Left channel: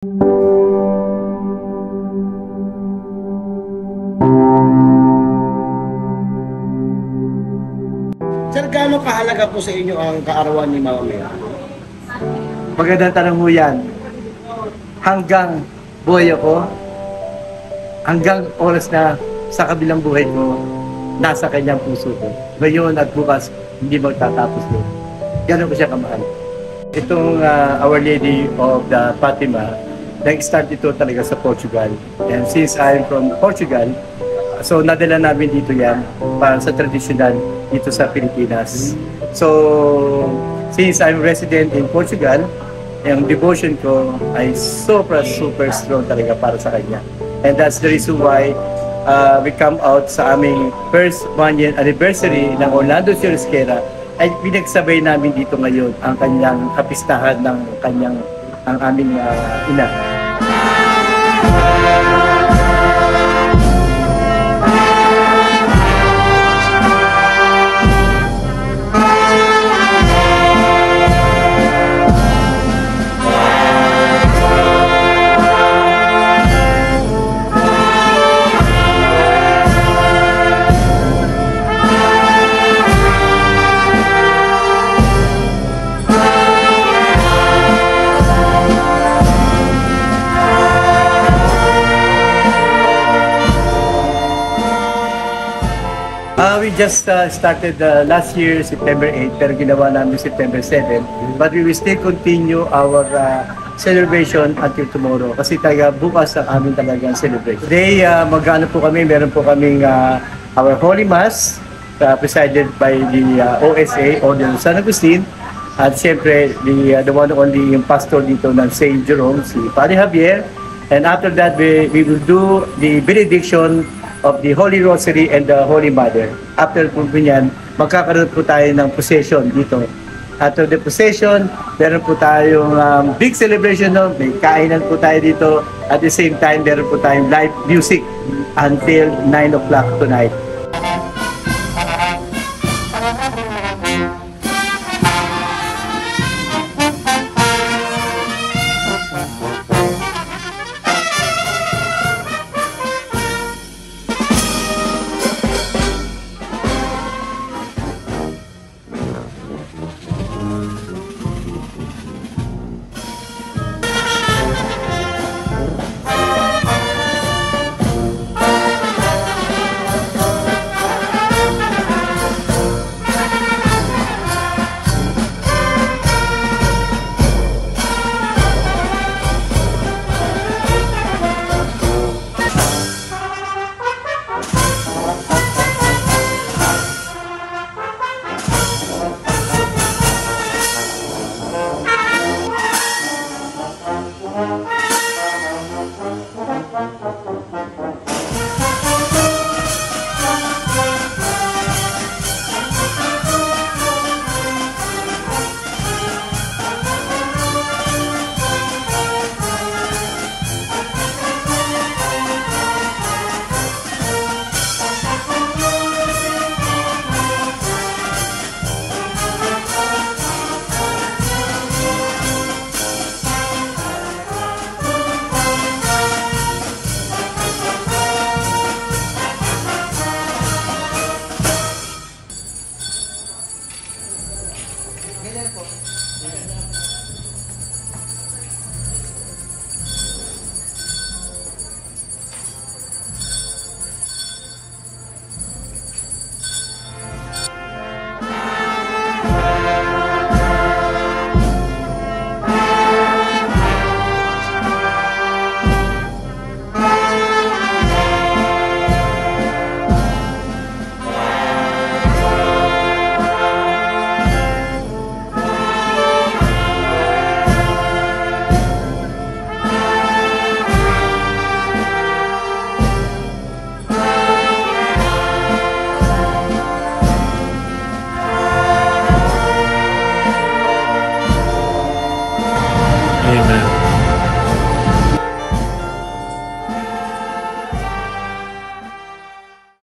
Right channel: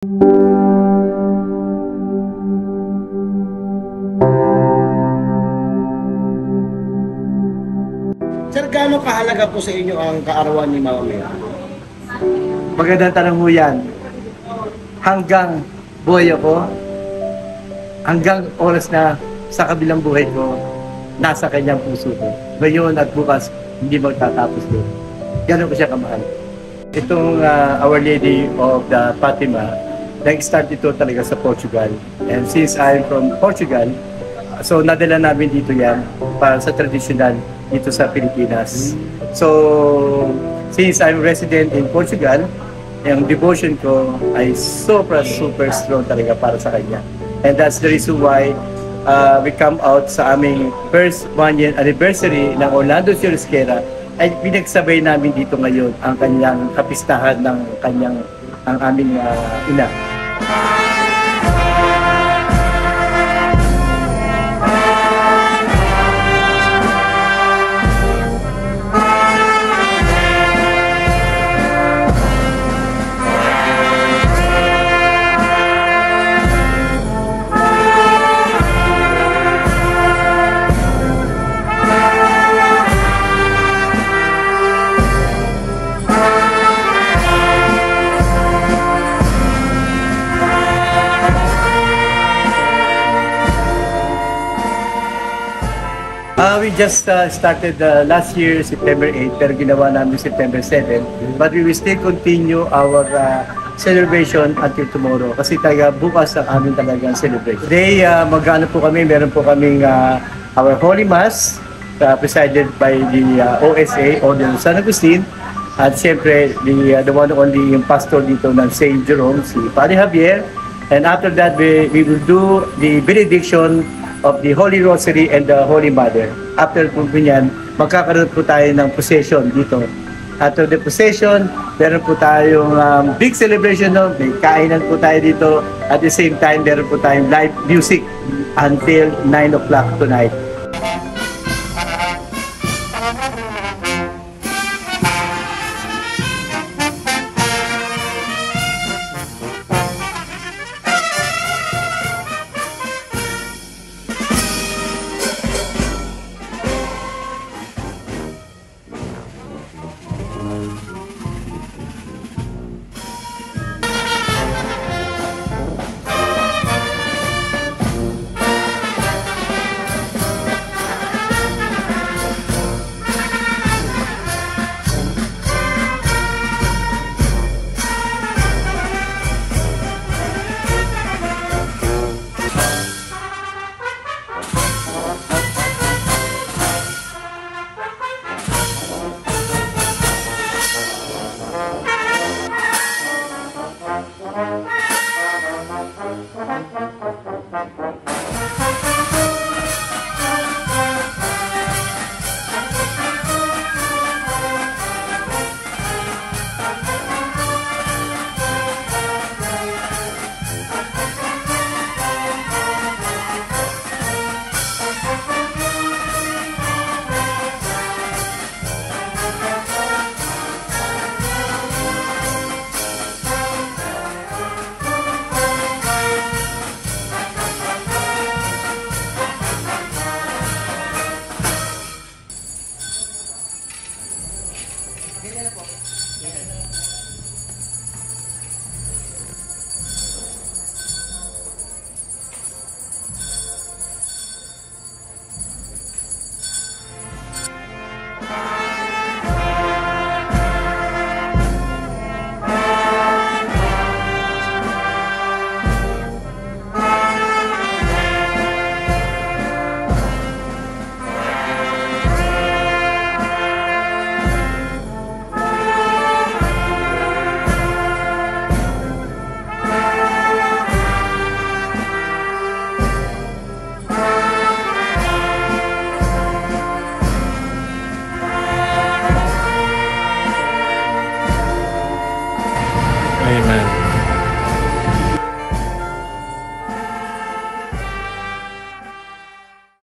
Sir, gaano kahalaga po sa inyo ang kaarawan ni Mama Mary? Magandang tanong mo yan. Hanggang buhay ako, hanggang oras na sa kabilang buhay ko, nasa kanyang puso ko. Ngayon at bukas, hindi magtatapos yun. Gano'n ko siya kamahal. Itong Our Lady of the Fatima, nag-start ito talaga sa Portugal. And since I'm from Portugal, so nadala namin dito yan para sa traditional dito sa Pilipinas. So, since I'm resident in Portugal, yung devotion ko ay super strong talaga para sa kanya. And that's the reason why we come out sa aming first 1-year anniversary ng Orlando Churrasquera ay pinagsabay namin dito ngayon ang kanyang kapistahan ng ang aming ina. We just started last year, September 8, pero ginawa namin September 7. But we will still continue our celebration until tomorrow. Kasi talaga bukas ang amin talagang celebration. Today, mag-ano po kami, meron po kaming our Holy Mass, presided by the OSA, Order of San Agustin. At siyempre, the one and only yung pastor dito ng St. Jerome, si Padre Javier. And after that, we will do the benediction of the Holy Rosary and the Holy Mother. After po niyan, magkakaroon po tayo ng procession dito. After the procession, meron po tayong big celebration, no? May kainan po tayo dito. At the same time, meron po tayong live music until 9 o'clock tonight.